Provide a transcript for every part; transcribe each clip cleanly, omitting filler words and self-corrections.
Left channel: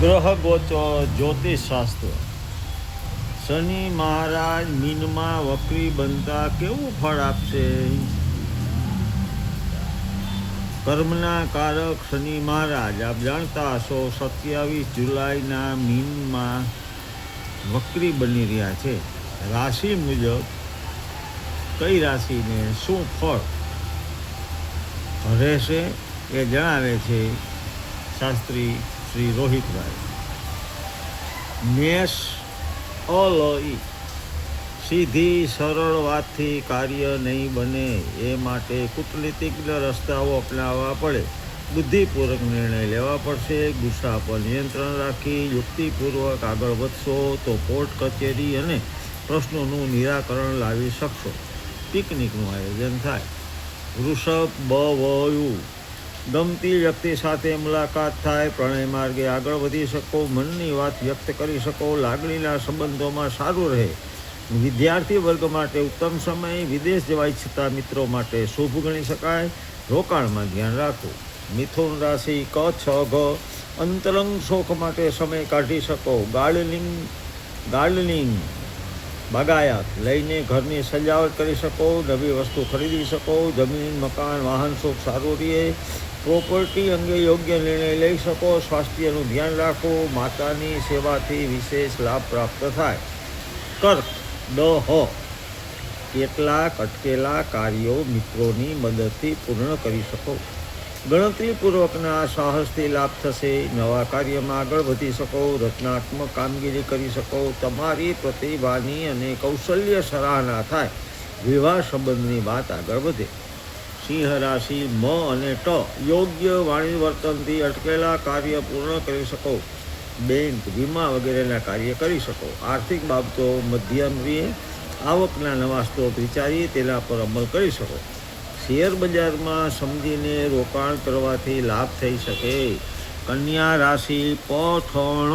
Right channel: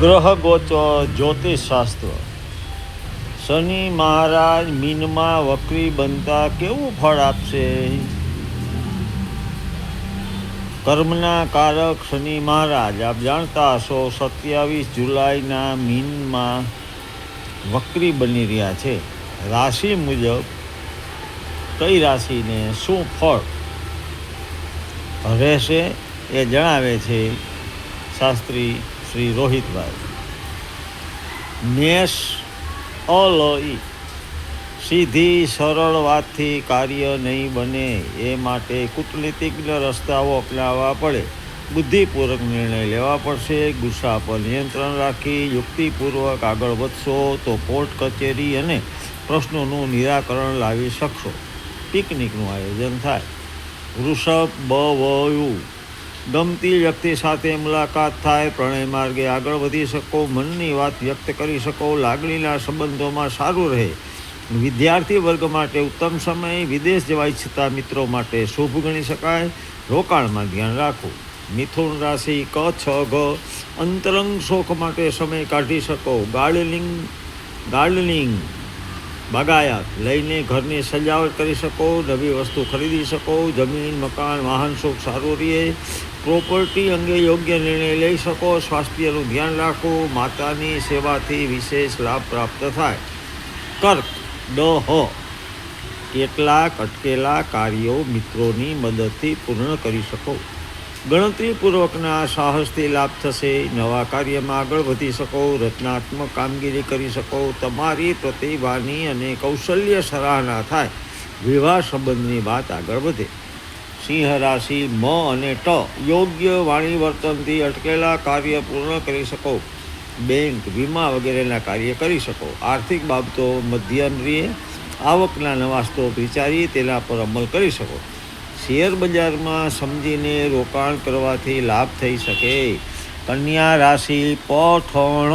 ગ્રહ ગોચર જ્યોતિષશાસ્ત્ર. શનિ મહારાજ મીનમાં વક્રી બનતા કેવું ફળ આપશે? કર્મના કારક શનિ મહારાજ આપ જાણતા હશો 27 જુલાઈના મીનમાં વક્રી બની રહ્યા છે. રાશિ મુજબ કઈ રાશિને શું ફળ રહેશે એ જણાવે છે શાસ્ત્રી શ્રી રોહિતભાઈ. મેષ અલઈ. સીધી સરળ વાતથી કાર્ય નહીં બને, એ માટે કૂટનીતિજ્ઞ રસ્તાઓ અપનાવવા પડે. બુદ્ધિપૂર્વક નિર્ણય લેવા પડશે. ગુસ્સા પર નિયંત્રણ રાખી યુક્તિપૂર્વક આગળ વધશો તો કોર્ટ કચેરી અને પ્રશ્નોનું નિરાકરણ લાવી શકશો. પિકનિકનું આયોજન થાય. વૃષભ બવયુ. ગમતી વ્યક્તિ સાથે મુલાકાત થાય. પ્રણય માર્ગે આગળ વધી શકો. મનની વાત વ્યક્ત કરી શકો. લાગણીના સંબંધોમાં સારું રહે. વિદ્યાર્થી વર્ગ માટે ઉત્તમ સમય. વિદેશ જવા ઈચ્છતા મિત્રો માટે શુભ ગણી શકાય. રોકાણમાં ધ્યાન રાખવું. મિથુન રાશિ ક છ ઘ. અંતરંગ શોખ માટે સમય કાઢી શકો. ગાર્ડનિંગ બાગાયત લઈને ઘરની સજાવટ કરી શકો. નવી વસ્તુ ખરીદી શકો. જમીન મકાન વાહન શોખ સારું રહે. પ્રોપર્ટી અંગે યોગ્ય નિર્ણય લઈ શકો. સ્વાસ્થ્યનું ધ્યાન રાખો. માતાની સેવાથી વિશેષ લાભ પ્રાપ્ત થાય. કર્ક ડહ. કેટલાક અટકેલા કાર્યો મિત્રોની મદદથી પૂર્ણ કરી શકો. ગણતરીપૂર્વકના સાહસથી લાભ થશે. નવા કાર્યમાં આગળ વધી શકો. રચનાત્મક કામગીરી કરી શકો. તમારી પ્રતિભાની અને કૌશલ્ય સરાહના થાય. વિવાહ સંબંધની વાત આગળ વધે. સિંહ રાશિ મ અને ટ. યોગ્ય વાણી વર્તનથી અટકેલા કાર્ય પૂર્ણ કરી શકો. બેંક વીમા વગેરેના કાર્ય કરી શકો. આર્થિક બાબતો મધ્યમ રહે. આવકના નવા સ્ત્રોત વિચારી તેના પર અમલ કરી શકો. શેર બજારમાં સમજીને રોકાણ કરવાથી લાભ થઈ શકે. કન્યા રાશિ પઠણ.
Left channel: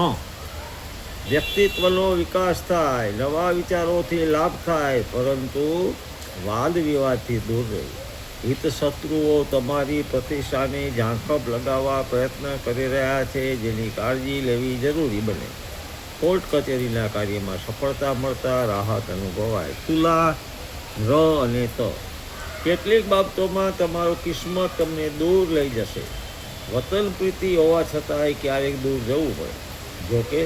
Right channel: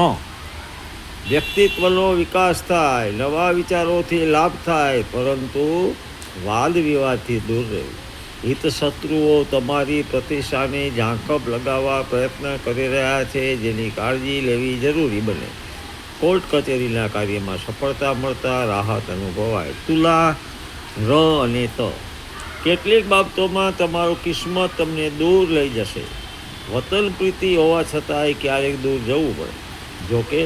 વ્યક્તિત્વનો વિકાસ થાય. નવા વિચારોથી લાભ થાય, પરંતુ વાદ વિવાદથી દૂર રહેવું. હિત શત્રુઓ તમારી પ્રતિષ્ઠાને ઝાંખપ લગાવવા પ્રયત્ન કરી રહ્યા છે, જેની કાળજી લેવી જરૂરી બને. કોર્ટ કચેરીના કાર્યમાં સફળતા મળતા રાહત અનુભવાય. તુલા ર અને ત. કેટલીક બાબતોમાં તમારું કિસ્મત તમને દૂર લઈ જશે. વતન પ્રીતિ હોવા છતાંય ક્યારેક દૂર જવું પડે. જોકે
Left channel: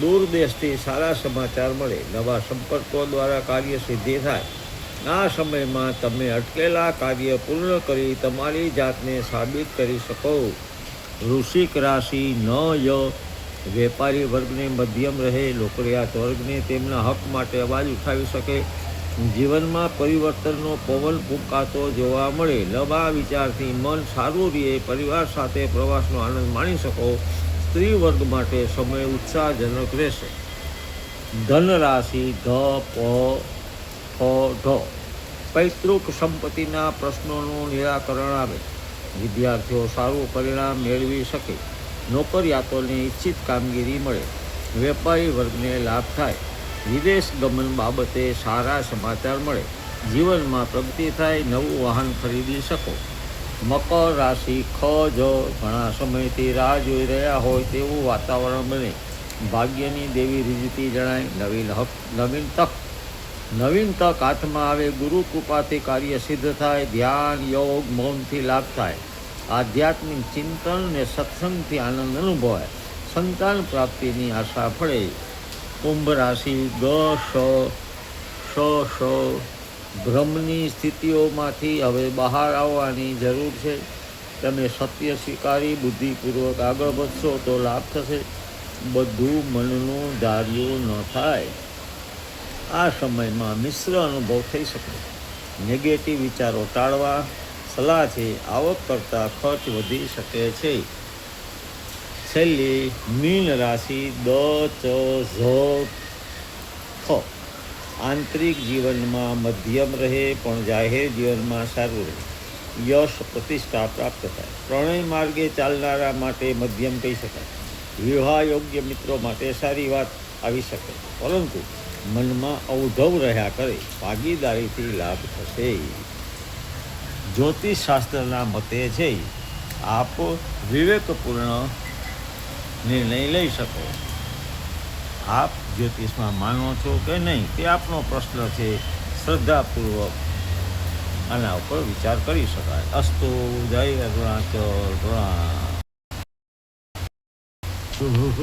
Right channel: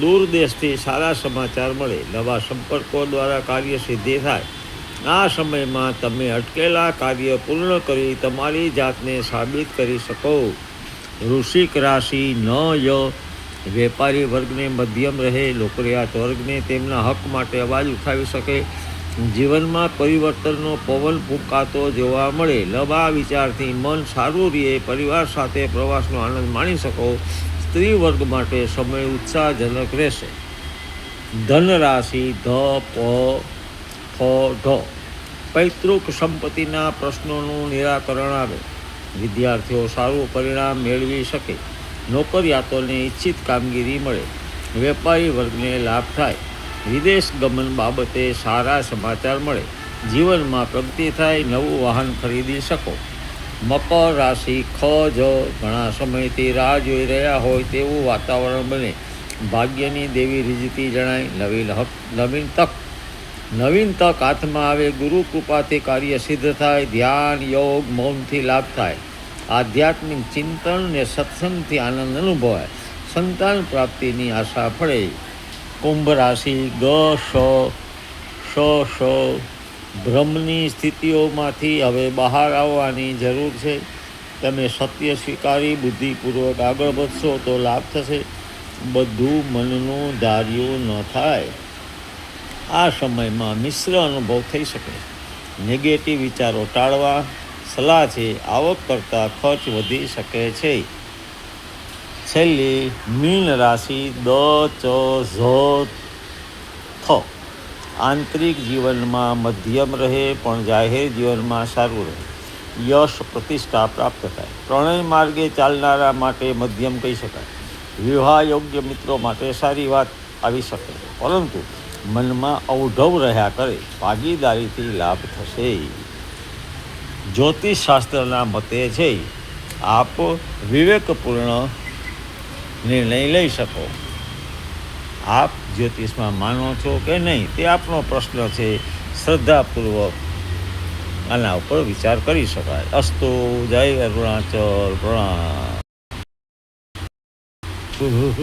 દૂર દેશથી સારા સમાચાર મળે. નવા સંપર્કો દ્વારા કાર્ય સિદ્ધિ થાય. આ સમયમાં તમે અટકેલા કાર્ય પૂર્ણ કરી તમારી જાતને સાબિત કરી શકો. વૃશ્ચિક રાશિ ન ય. વેપારી વર્ગને મધ્યમ રહે. નોકરિયાત વર્ગને તેમના હક માટે અવાજ ઉઠાવી શકે. જીવનમાં પરિવર્તનનો પવન ફૂંકાતો જોવા મળે. નવા વિચારથી મન સારું રહે. પરિવાર સાથે પ્રવાસનો આનંદ માણી શકો. સ્ત્રી વર્ગ માટે સમય ઉત્સાહજનક રહેશે. ધન રાશિ ધ પ ફ ઢ. પૈતૃક સંપત્તિના પ્રશ્નોનું નિરાકરણ આવે. વિદ્યાર્થીઓ સારું પરિણામ મેળવી શકે. નોકરિયાતોને ઈચ્છિત કામગીરી મળે. વેપારી વર્ગને લાભ થાય. વિદેશ ગમન બાબતે સારા સમાચાર મળે. જીવનમાં પ્રગતિ થાય. નવું વાહન ખરીદી શકો. મકર રાશિ ખ જ. ઘણા સમયથી રાહ જોઈ રહ્યા હોય તેવું વાતાવરણ બને. ભાગ્યની દેવી રીઝતી જણાય. નવીન તક હાથમાં આવે. ગુરુ કૃપાથી કાર્ય સિદ્ધ થાય. ધ્યાન યોગ મૌનથી લાભ થાય. આધ્યાત્મિક ચિંતન ને સત્સંગથી આનંદ અનુભવાય. સંતાન પ્રાપ્તિની આશા ફળે. કુંભ રાશિ ગ શ. ભ્રમની સ્થિતિઓમાંથી હવે બહાર આવવાની જરૂર છે. તમે સત્ય સ્વીકારી બુદ્ધિપૂર્વક આગળ વધશો તો લાભ થશે. બધું મનનું ધાર્યું ન થાય. આ સમયમાં મિશ્ર અનુભવ થઈ શકે. નેગેટિવ વિચારો ટાળવા. સલાહ છે, આવક કરતાં ખર્ચ વધી શકે છે. છેલ્લી મીન રાશિ દ ચ ઝ થ. આંતરિક જીવનમાં મધ્યમ રહે, પણ જાહેર જીવનમાં સારું રહે. યશ પ્રતિષ્ઠા પ્રાપ્ત થાય. પ્રણય માર્ગે ચાલનારા માટે મધ્યમ કહી શકાય. વિવાહ યોગ્ય મિત્રો માટે સારી વાત આવી શકે, પરંતુ મનમાં અવઢવ રહ્યા કરે. ભાગીદારીથી લાભ થશે. જ્યોતિષશાસ્ત્રના મતે છે આપ વિવેકપૂર્ણ નિર્ણય લઈ શકો. આપ જ્યોતિષમાં માનો છો કે નહીં તે આપનો પ્રશ્ન છે. શ્રદ્ધાપૂર્વક આના ઉપર વિચાર કરી શકાય. અસ્તુ. જય અરુણાચલ. પ્રણામ.